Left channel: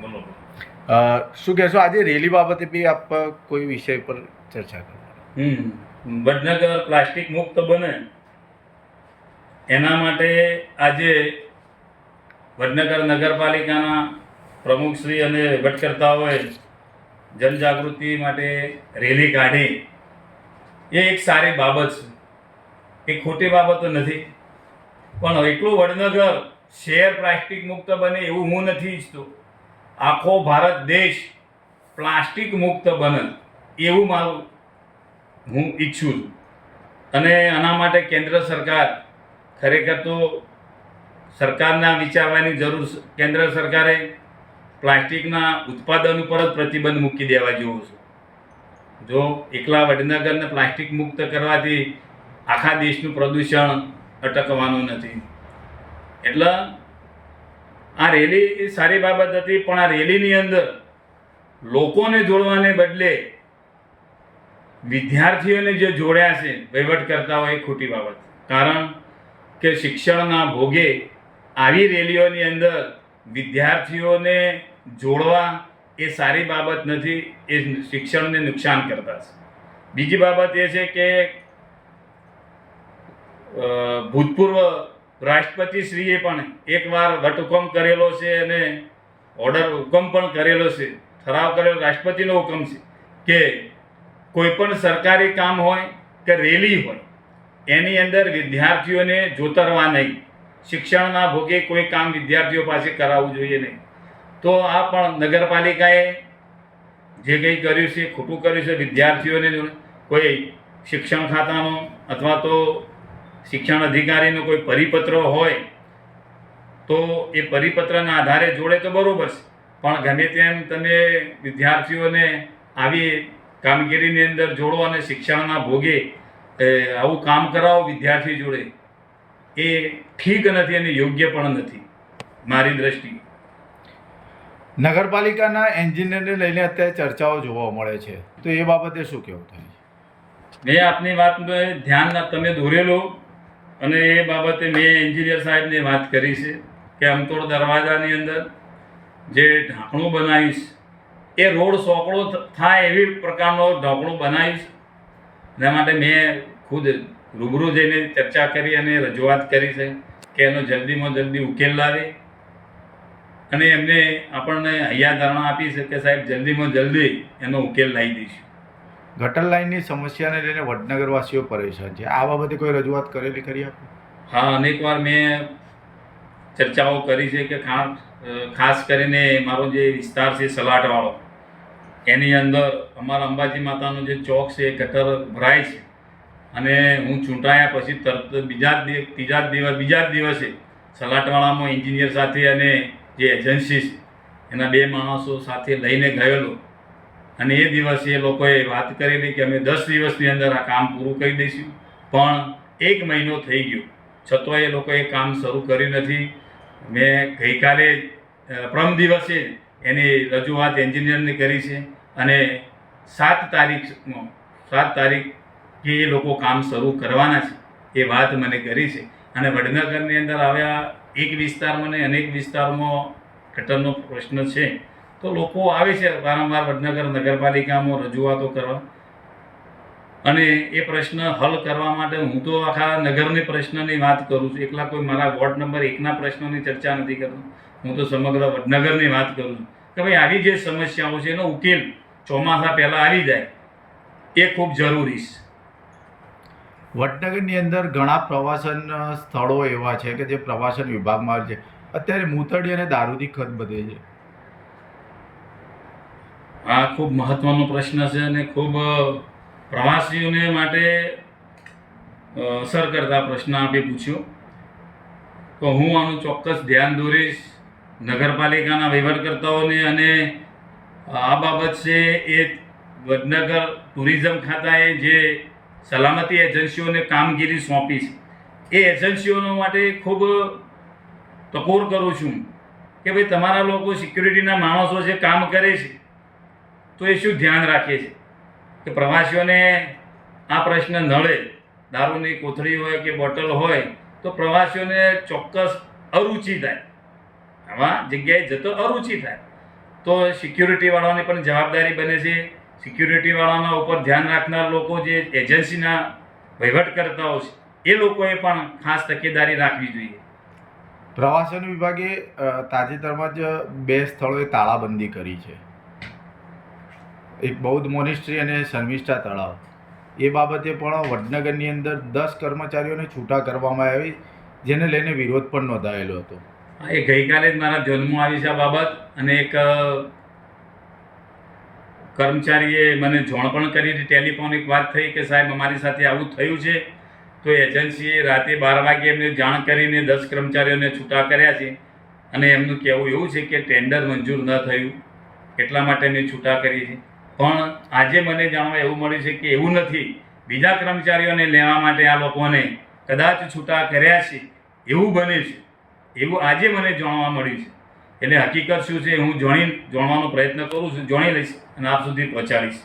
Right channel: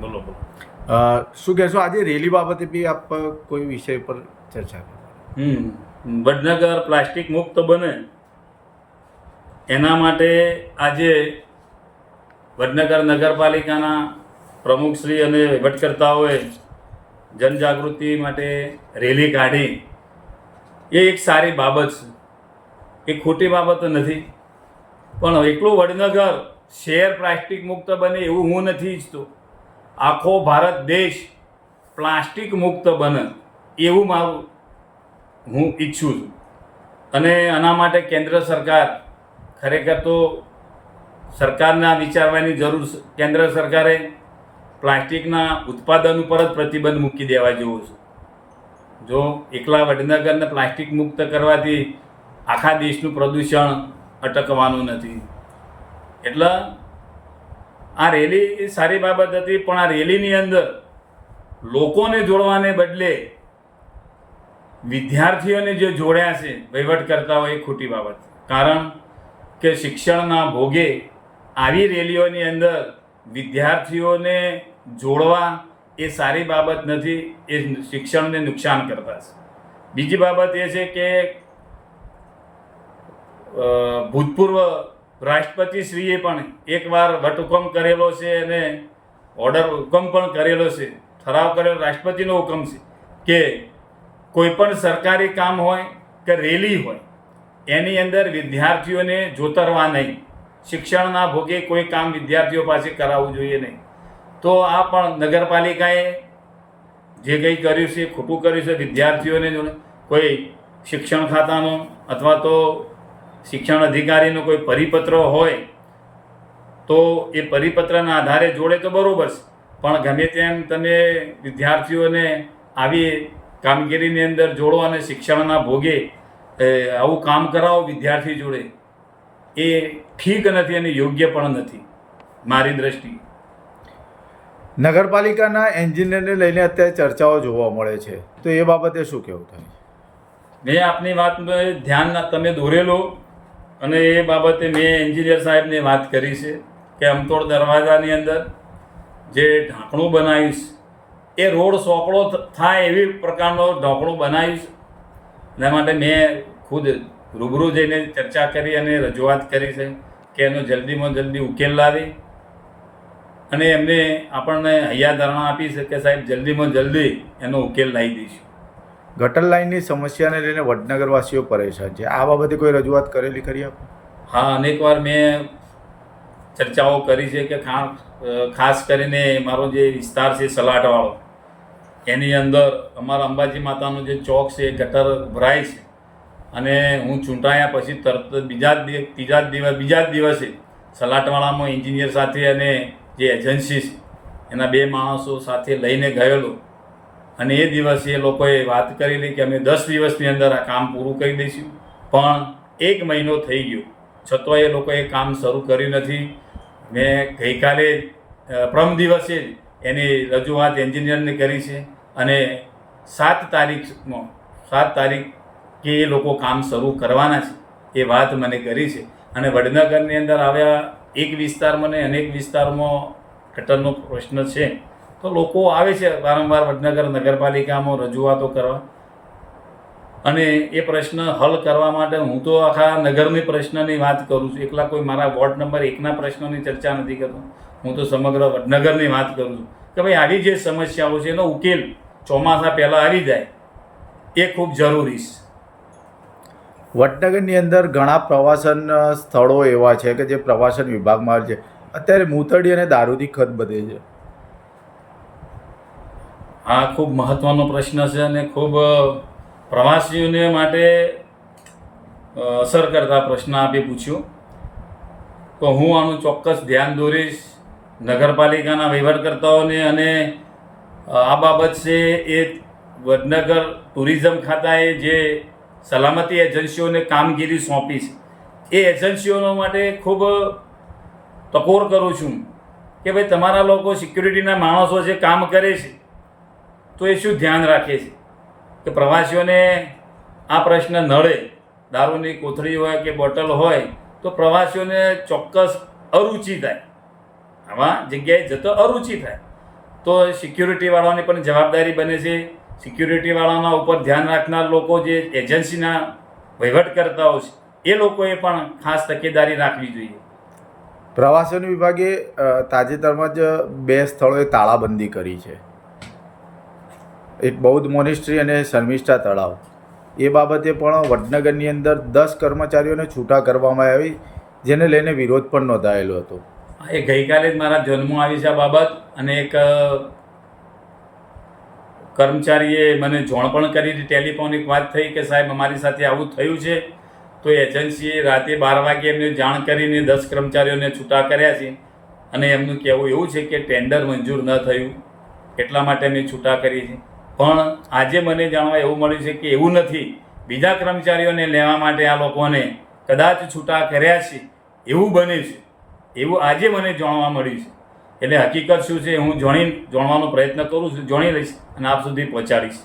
બોલો બોલો. શું કહેશો, આજે રેલી બાબતે બી આપ કોઈ વિષય પર ચર્ચા કરો? વડનગર પ્લાસ્ટિક મુક્ત બને એના માટે આજે વડનગર નગરપાલિકાના પ્રમુખશ્રી અને વહીવટકર્તાઓએ જનજાગૃતિ માટે રેલી કાઢી. એ એક સારી બાબત છે, એ ખોટી બાબત નથી. પણ એટલું વડનગર શહેર પ્લાસ્ટિક મુક્ત બને એવું હું નથી ઈચ્છતો. આખો ભારત દેશ પ્લાસ્ટિક મુક્ત બને એવું હું ઈચ્છું છું. અને આના માટે કેન્દ્ર સરકાર ખરેખર તો સરકારના વિચારવાની જરૂર છે. કેન્દ્ર સરકારે પ્લાસ્ટિકના ઉત્પાદન ઉપર જ પ્રતિબંધ મૂકી દેવા જેવો છે. જો એકલા વડનગરને પ્લાસ્ટિક મુક્ત કરવાથી આખા દેશનું પ્રદૂષણ અટકવાનું નથી. એટલે આ રેલી એ સારી બાબત હતી, પણ આ રેલીની અંદર લોકોને જોડવાને બદલે વિદ્યાર્થીઓને જે જોડ્યા છે વહીવટકર્તાઓ, એ ખોટી બાબત. કારણ કે શિક્ષણના ભોગે આવી રેલીઓની અંદર વિદ્યાર્થીઓને જોડવા એ સારી બાબત નથી, એ શિક્ષણને નુકસાન કરતા છે. બીજી બાબત એ છે કે ભૂતપૂર્વ રાષ્ટ્રપતિશ્રીએ પણ એકવાર વટહુકમ કરેલો છે અને હુકમ પણ કરેલો છે, ઠરાવ કરેલો, રાષ્ટ્રપતિનો હુકમ છે કે કોઈ પણ સરકારી કામ હોય કે રેલી હોય એની અંદર વિદ્યાર્થીઓને જોતરવા નહીં. શિક્ષણના ભોગે કોઈ કામ વિદ્યાર્થીઓ પાસે કરાવવું જોઈએ નહીં. તો આ પણ નગરપાલિકાએ જે કંઈ કર્યું છે ખોટું કર્યું છે. વિદ્યાર્થીઓને કોઈ શિક્ષણ ખાતાનો અથવા તો શિક્ષણ અધિકારીનો કોઈ પરિપત્ર હોય તો એ પરિપત્રના આધારે જોડે તો બરાબર છે, પણ ગમે તેમ તમે વિદ્યાર્થીઓને આવી કામગીરીની અંદર જોડો અને શિક્ષણના ભોગે આવું કામ કરાવો વિદ્યાર્થી જોડે, એ ઠીક નથી અને યોગ્ય પણ નથી મારી દ્રષ્ટિએ. નગરપાલિકાના એન્જિનિયરને લઈને અત્યારે ચર્ચાઓ જોવા મળે છે, તો એ બાબતે શું કહેવું થાય? મેં આપની વાતને ધ્યાન તમે દોરેલો અને એ બાબતે મેં એન્જિનિયર સાહેબને વાત કરી છે કે અમતોડ દરવાજાની અંદર જે ઢાંકણું બનાવીશ એ રોડ સોકડો થાય એવી પ્રકારનો ઢાંકણું બનાવીશ. એના માટે મેં ખુદ રૂબરૂ જઈને ચર્ચા કરી અને રજૂઆત કરી છે કે એનો જલ્દીમાં જલ્દી ઉકેલ લાવી. અને એમને આપણને હૈયાધારણા આપી છે કે સાહેબ જલ્દીમાં જલ્દી એનો ઉકેલ લાવી દઈશું. ગટર લાઇનની સમસ્યાને લઈને વડનગરવાસીઓ પરેશાન છે, આ બાબતે કોઈ રજૂઆત કરેલી ખરી આપે? હા, અનેકવાર મેં ચર્ચાઓ કરી છે કે ખાસ કરીને મારો જે વિસ્તાર છે સલાટવાળો, એની અંદર અમારા અંબાજી માતાનો જે ચોક છે એ ગટર ભરાય છે. અને હું ચૂંટાયા પછી તરત બીજા જ દિવસે સલાટવાળામાં એન્જિનિયર સાથે અને જે એજન્સી છે એના 2 માણસો સાથે લઈને ગયેલો. અને એ દિવસે એ લોકોએ વાત કરેલી કે અમે 10 દિવસની અંદર આ કામ પૂરું કરી દઈશું. પણ 1 મહિનો થઈ ગયો છતાંય એ લોકોએ કામ શરૂ કર્યું નથી. મેં ગઈકાલે પ્રમ દિવસે એની રજૂઆત એન્જિનિયરને કરી છે અને 7 તારીખે એ લોકો કામ શરૂ કરવાના છે એ વાત મને કરી છે. અને વડનગરની અંદર આવ્યા એક વિસ્તારમાં ને અનેક વિસ્તારમાં ગટરનો પ્રશ્ન છે, તો લોકો આવે છે વારંવાર વડનગર નગરપાલિકામાં રજૂઆતો કરવા અને એ પ્રશ્ન હલ કરવા માટે. હું તો આખા નગરની પ્રશ્નની વાત કરું છું, એકલા કોઈ મારા વોર્ડ નંબર 1ના પ્રશ્નોની ચર્ચા નથી કરતો. હું તો સમગ્ર વડનગરની વાત કરું છું કે ભાઈ આવી જે સમસ્યાઓ છે એનો ઉકેલ ચોમાસા પહેલાં આવી જાય એ ખૂબ જરૂરી છે. વડનગરની અંદર ઘણા પ્રવાસન સ્થળો એવા છે કે જે પ્રવાસન વિભાગમાં આવે છે. અત્યારે મૂતળી અને દારૂથી ખત બધે છે. આ ખૂબ મહત્ત્વનો પ્રશ્ન છે અને ખૂબ પ્રવાસીઓને માટે અસર કરતા પ્રશ્ન આપે પૂછ્યો. તો હું આનું ચોક્કસ ધ્યાન દોરીશ નગરપાલિકાના વહીવટકર્તાઓને. અને આ બાબત છે એ વડનગર ટુરિઝમ ખાતાએ જે સલામતી એજન્સીઓને કામગીરી સોંપી છે એ એજન્સીઓ માટે ખૂબ ટકોર કરું છું કે ભાઈ તમારા લોકો સિક્યુરિટીના માણસો જે કામ કરે છે તો એ શું ધ્યાન રાખે છે કે પ્રવાસીઓને આ પ્રશ્ન નડે. દારૂની કોથળી હોય કે બોટલ હોય તો પ્રવાસીઓને ચોક્કસ અરુચિ થાય આવા જગ્યાએ જતો અરુચિ થાય તો સિક્યુરિટીવાળાની પણ જવાબદારી બને છે. સિક્યુરિટીવાળાના ઉપર ધ્યાન રાખનાર લોકો જે એજન્સીના વહીવટકર્તાઓ છે એ લોકોએ પણ ખાસ તકેદારી રાખવી જોઈએ. પ્રવાસન વિભાગે તાજેતરમાં જ 2 સ્થળોએ તાળાબંધી કરી છે, એક બૌદ્ધ મોનેસ્ટ્રી અને શર્મિષ્ઠા તળાવ. એ બાબતે પણ વડનગરની અંદર 10 કર્મચારીઓને છૂટા કરવામાં આવી, જેને લઈને વિરોધ પણ નોંધાયેલો હતો. એ ગઈકાલે જ મારા ધ્યાનમાં આવી છે આ બાબત, અને એક કર્મચારીએ મને જાણ પણ કરી હતી, ટેલિફોનિક વાત થઈ કે સાહેબ અમારી સાથે આવું થયું છે. તો એજન્સીએ રાતે 12 વાગે એમને જાણ કરીને 10 કર્મચારીઓને છૂટા કર્યા છે, અને એમનું કહેવું એવું છે કે ટેન્ડર મંજૂર ન થયું એટલા માટે અમે છૂટા કરીએ છીએ. પણ આજે મને જાણવા એવું મળ્યું છે કે એવું નથી, બીજા કર્મચારીઓને લેવા માટે આ લોકોને કદાચ છૂટા કર્યા છે એવું બને છે, એવું આજે મને જાણવા મળ્યું છે. એટલે હકીકત શું છે હું જાણવાનો પ્રયત્ન કરું છું, જાણી લઈશ અને આપ સુધી પહોંચાડીશ.